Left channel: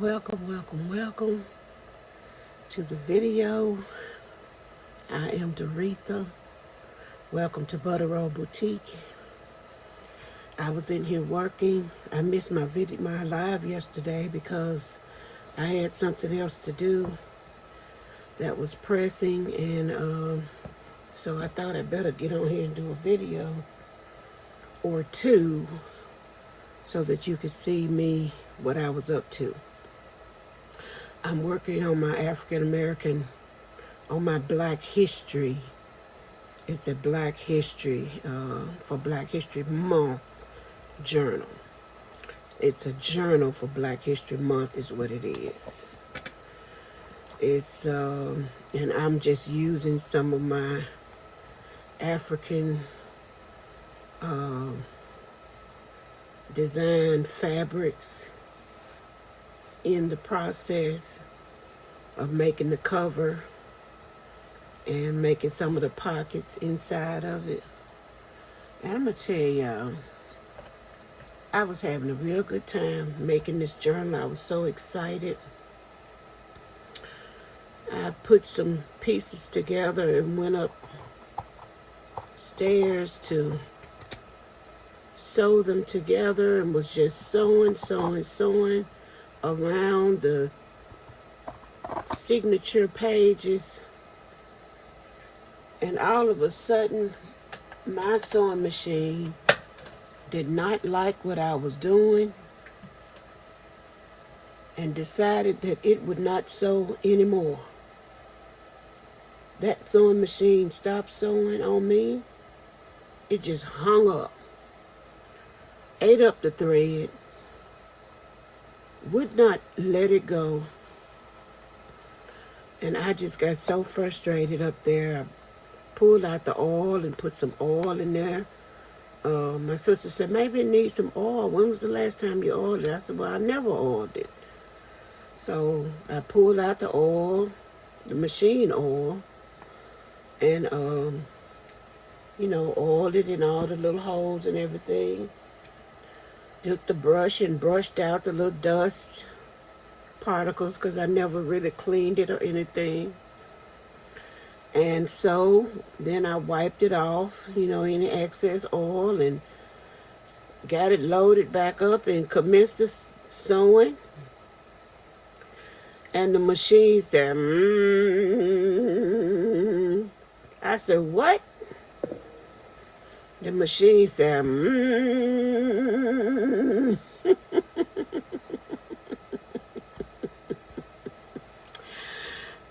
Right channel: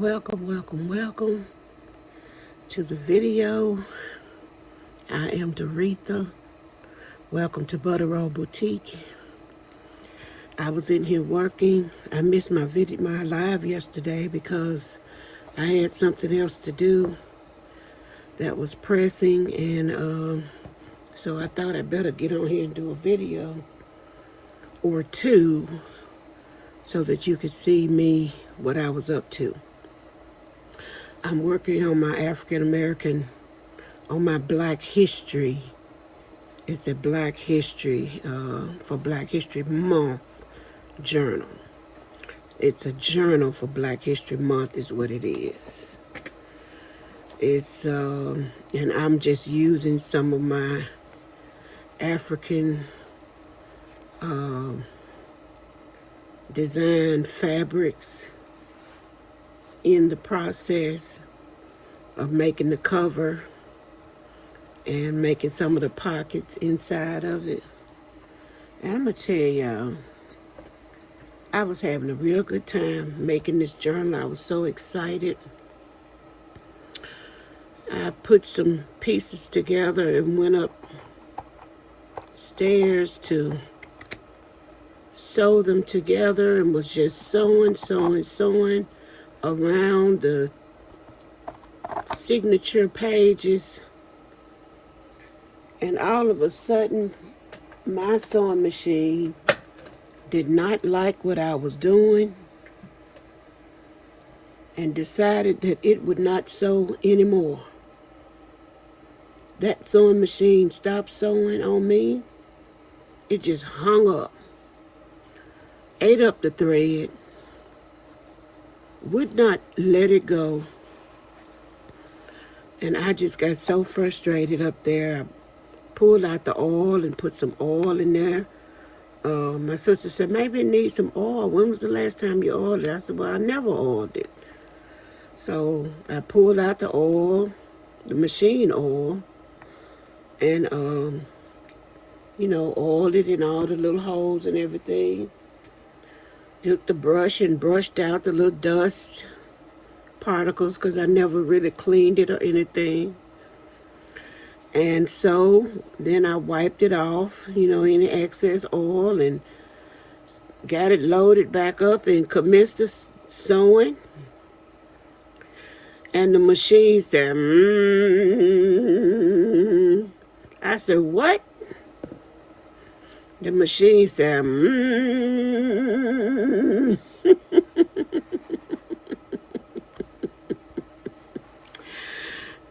Welcome to the video. I am Doretha. Welcome to Butter Roll Boutique. I was in here working. I missed my live yesterday because I had something else to do that was pressing, and so I thought I'd better get on here and do a video or two so that you could see me, what I was up to. I'm working on my African American, on my Black History. It's a Black History, for Black History Month journal. It's a journal for Black History Month is what it is. It's, and I'm just using some of my African design fabrics in the process of making the cover and making some of the pockets inside of it. And I'm gonna tell y'all, I was having a real good time making this journal. I was so excited. I put some pieces together and went upstairs to sew them together and was just sewing around the signature pages, and all of a sudden my sewing machine did not like what I was doing and decided that it would not sew anymore. That sewing machine stopped sewing on me. It just hung up, ate up the thread, would not let it go. And I just got so frustrated up there. I pulled out the oil and put some oil in there. My sister said, maybe it needs some oil. When was the last time you oiled it? I said, well, I never oiled it. So I pulled out the oil, the machine oil, and, oiled it in all the little holes and everything. Took the brush and brushed out the little dust particles because I never really cleaned it or anything. And so then I wiped it off, any excess oil, and got it loaded back up and commenced the sewing. And the machine said, I said, what? The machine said,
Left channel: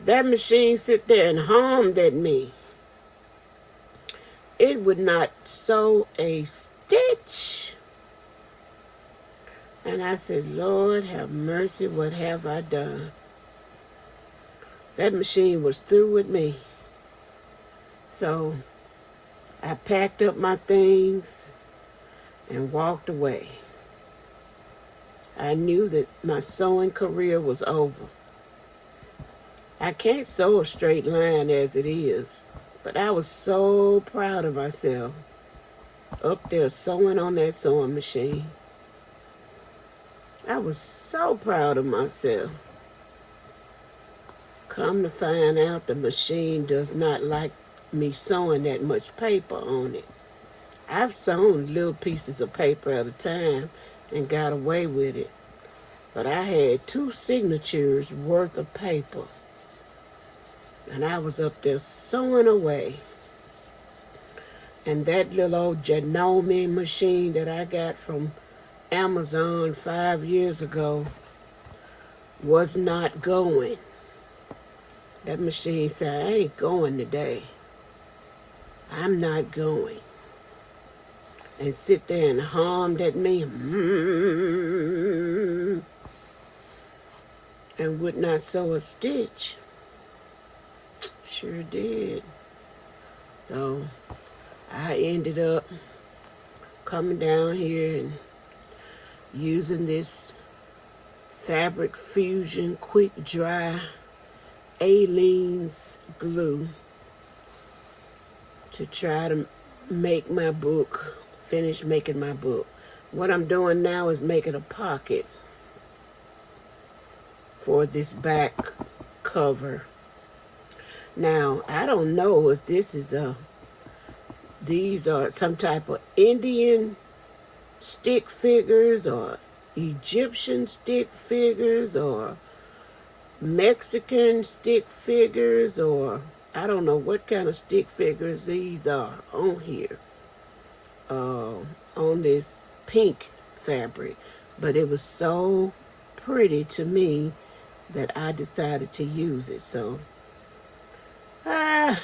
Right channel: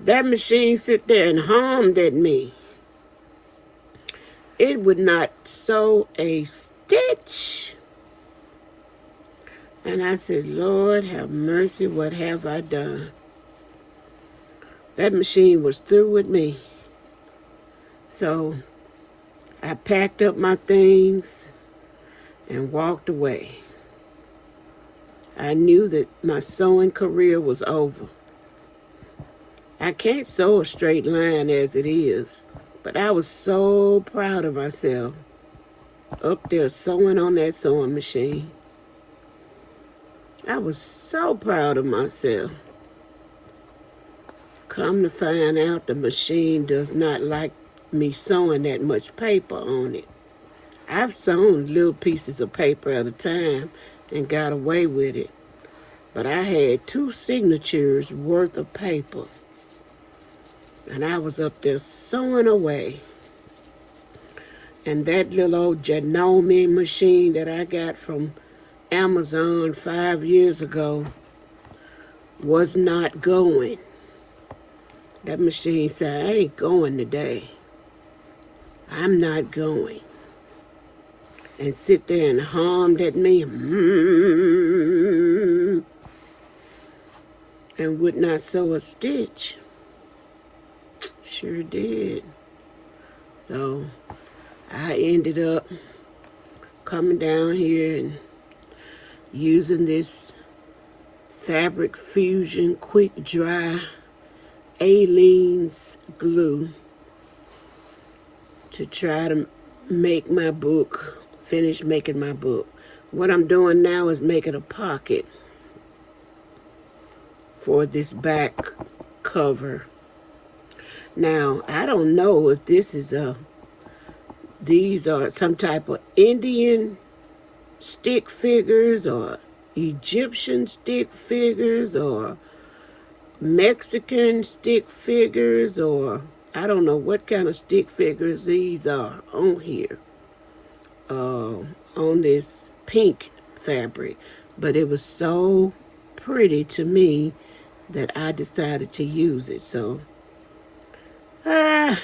That machine sit there and hummed at me. It would not sew a stitch. And I said, Lord have mercy, what have I done? That machine was through with me. So I packed up my things and walked away. I knew that my sewing career was over. I can't sew a straight line as it is, but I was so proud of myself up there sewing on that sewing machine. I was so proud of myself. Come to find out, the machine does not like me sewing that much paper on it. I've sewn little pieces of paper at a time and got away with it, but I had 2 signatures worth of paper. And I was up there sewing away. And that little old Janome machine that I got from Amazon 5 years ago was not going. That machine said, I ain't going today. I'm not going. And sit there and hummed at me. And would not sew a stitch. Sure did. So I ended up coming down here and using this Fabric Fusion Quick Dry Aleene's glue to try to make my book, finish making my book. What I'm doing now is making a pocket for this back cover. Now, I don't know if these are some type of Indian stick figures or Egyptian stick figures or Mexican stick figures, or I don't know what kind of stick figures these are on here, on this pink fabric. But it was so pretty to me that I decided to use it. So, if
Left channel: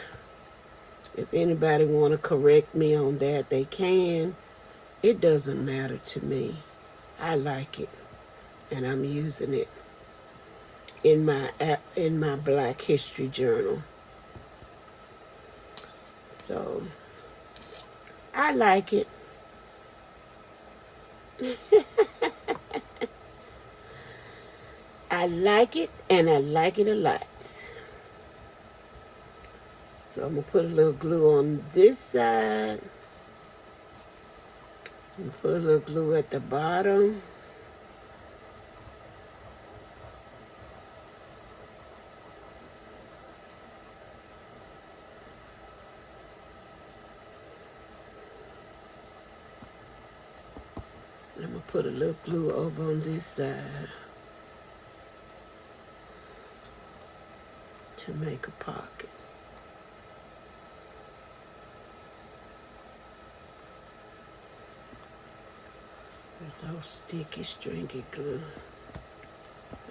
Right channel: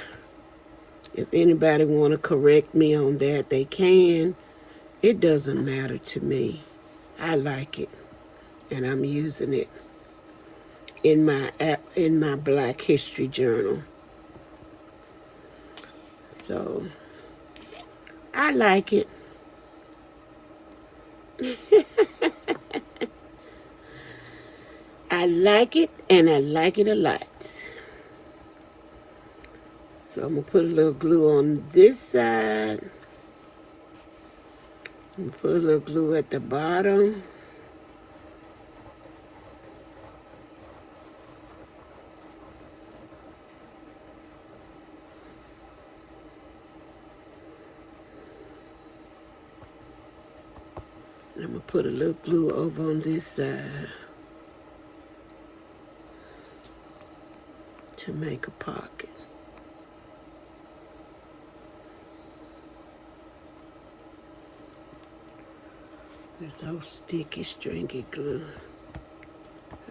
anybody want to correct me on that, they can. It doesn't matter to me. I like it, and I'm using it in my Black History Journal. So I like it. I like it, and I like it a lot. So I'm gonna put a little glue on this side. I'm gonna put a little glue at the bottom. I'm gonna put a little glue over on this side to make a pocket. This old sticky, stringy glue.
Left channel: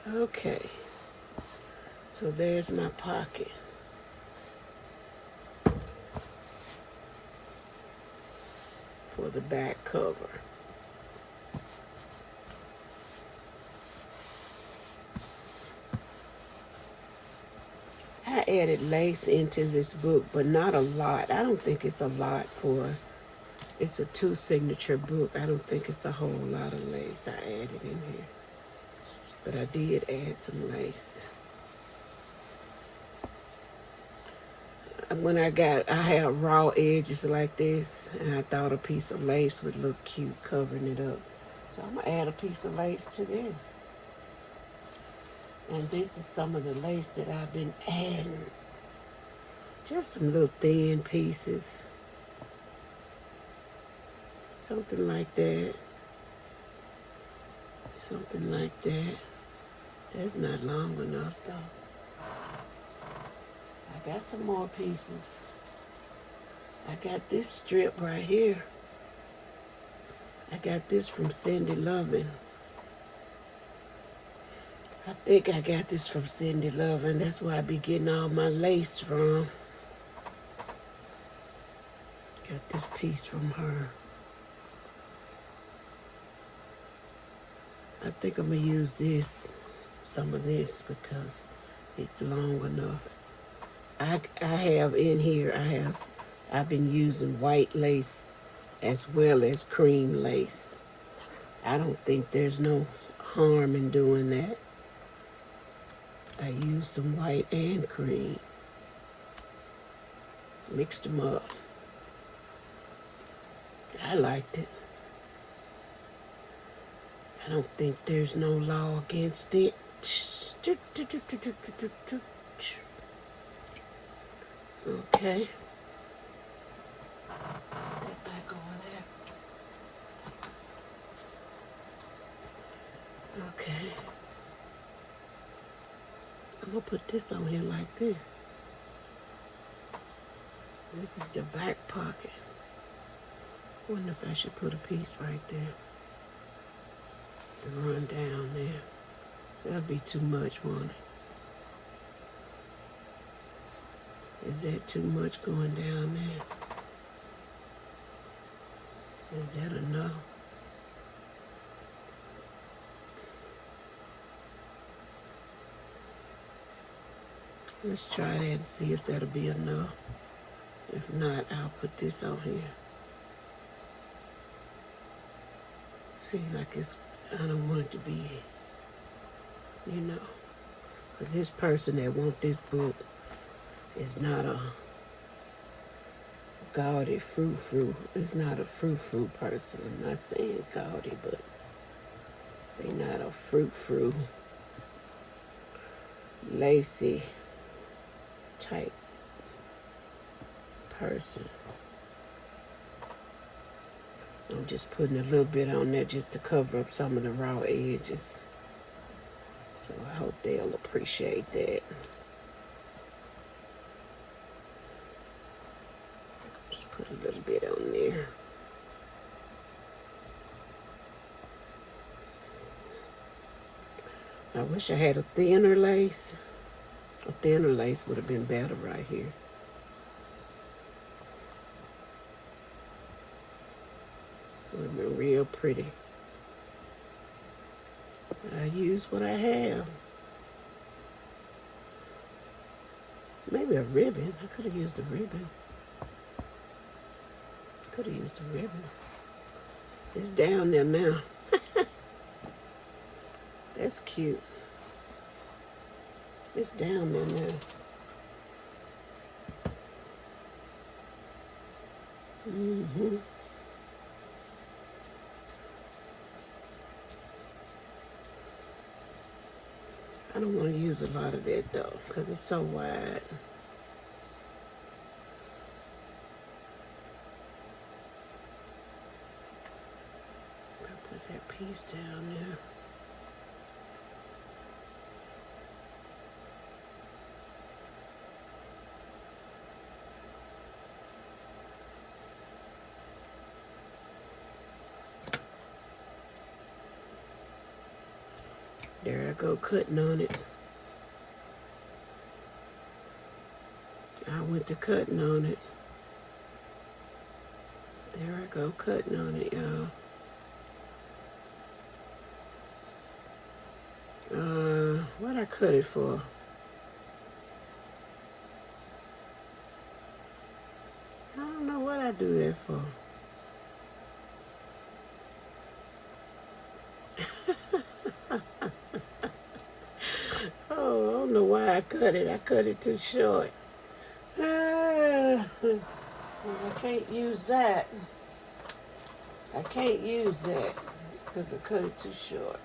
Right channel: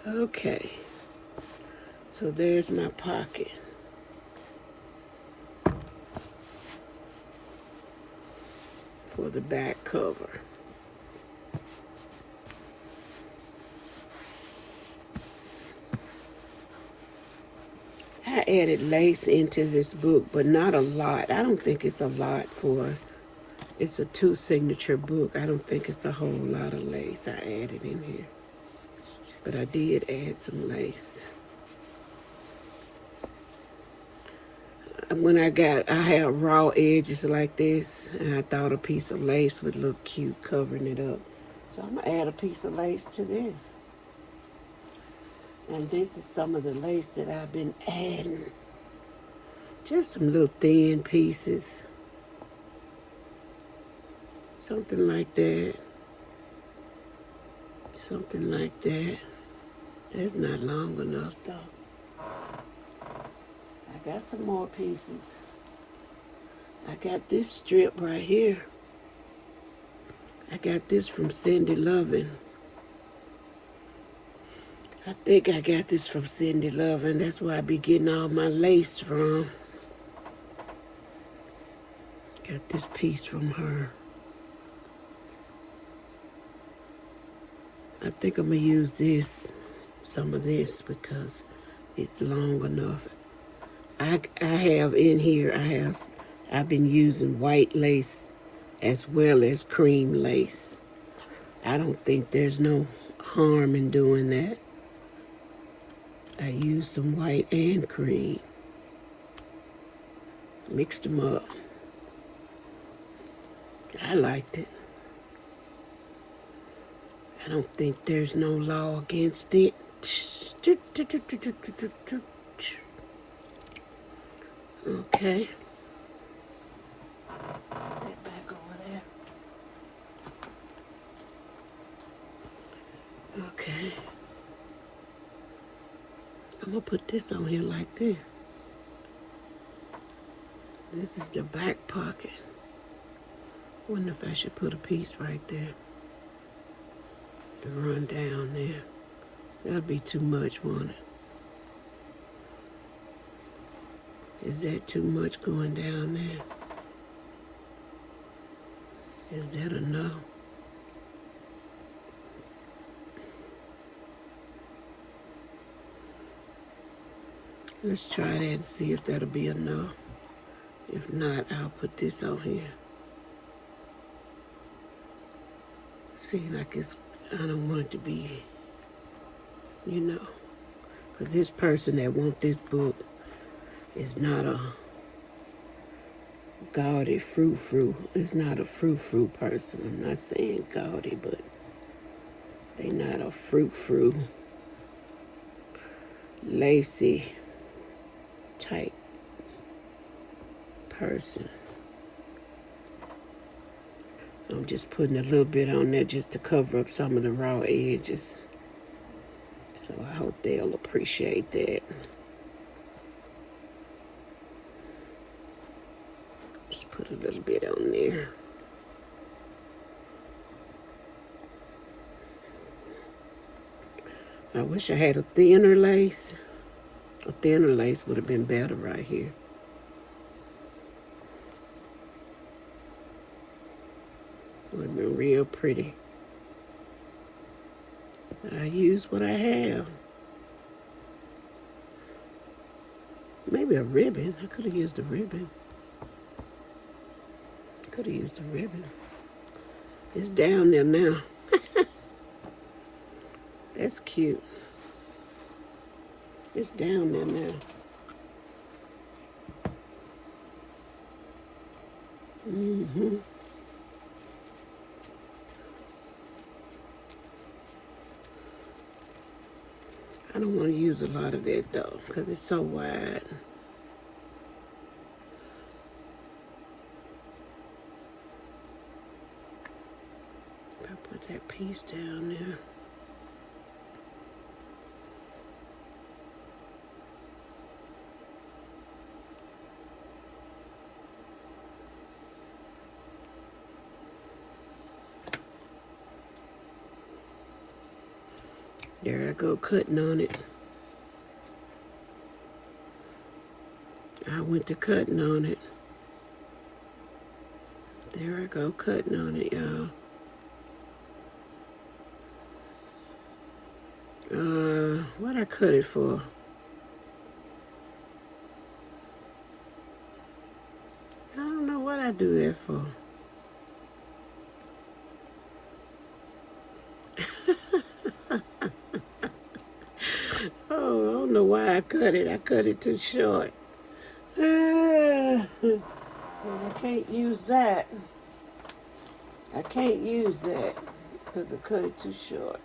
Okay, so there's my pocket. For the back cover. I added lace into this book, but not a lot. I don't think it's a lot it's a 2 signature book. I don't think it's a whole lot of lace I added in here. But I did add some lace. When I had raw edges like this, and I thought a piece of lace would look cute covering it up. So I'm gonna add a piece of lace to this. And this is some of the lace that I've been adding. Just some little thin pieces. Something like that. Something like that. That's not long enough though. I got some more pieces. I got this strip right here. I got this from Cindy Lovin'. I think I got this from Cindy Lovin'. That's where I be getting all my lace from. Got this piece from her. I think I'm gonna use some of this because it's long enough. I have in here, I've been using white lace as well as cream lace. I don't think there's no harm in doing that. I used some white and cream. Mixed them up. I liked it. I don't think there's no law against it. Okay. Get back over there. Okay. I'm gonna put this on here like this. This is the back pocket. I wonder if I should put a piece right there to run down there. That'll be too much, won't it? Is that too much going down there? Is that enough? Let's try that and see if that'll be enough. If not, I'll put this on here. See, like I don't want it to be, because this person that wants this book is not a gaudy frou-frou. It's not a frou-frou person. I'm not saying gaudy, but they not a frou-frou. lacy type person. I'm just putting a little bit on there just to cover up some of the raw edges. So I hope they'll appreciate that. Just put a little bit on there. I wish I had a thinner lace. A thinner lace would have been better right here. Would have been real pretty. I use what I have. Maybe a ribbon. I could have used a ribbon. Could have used a ribbon. It's down there now. That's cute. It's down there now. I don't want to use a lot of that though, because it's so wide. I put that piece down there. There I go, cutting on it. I went to cutting on it. There I go, cutting on it, y'all. What I cut it for? I don't know what I do that for. Oh, I don't know why I cut it. I cut it too short. I can't use that. I can't use that because I cut it too short.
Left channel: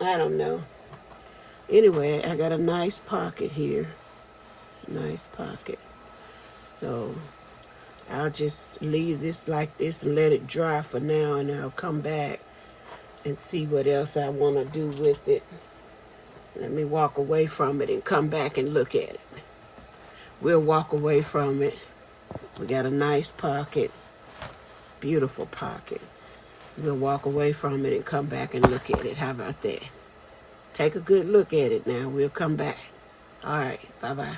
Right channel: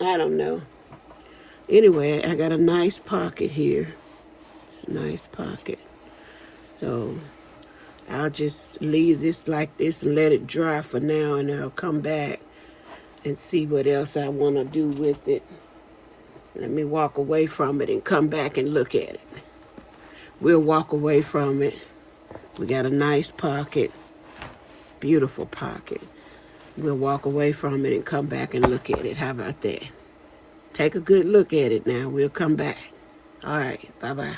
I don't know. Anyway, I got a nice pocket here. It's a nice pocket. So I'll just leave this like this and let it dry for now, and I'll come back and see what else I want to do with it. Let me walk away from it and come back and look at it. We'll walk away from it. We got a nice pocket, beautiful pocket. We'll walk away from it and come back and look at it. How about that? Take a good look at it now. We'll come back. All right, bye-bye.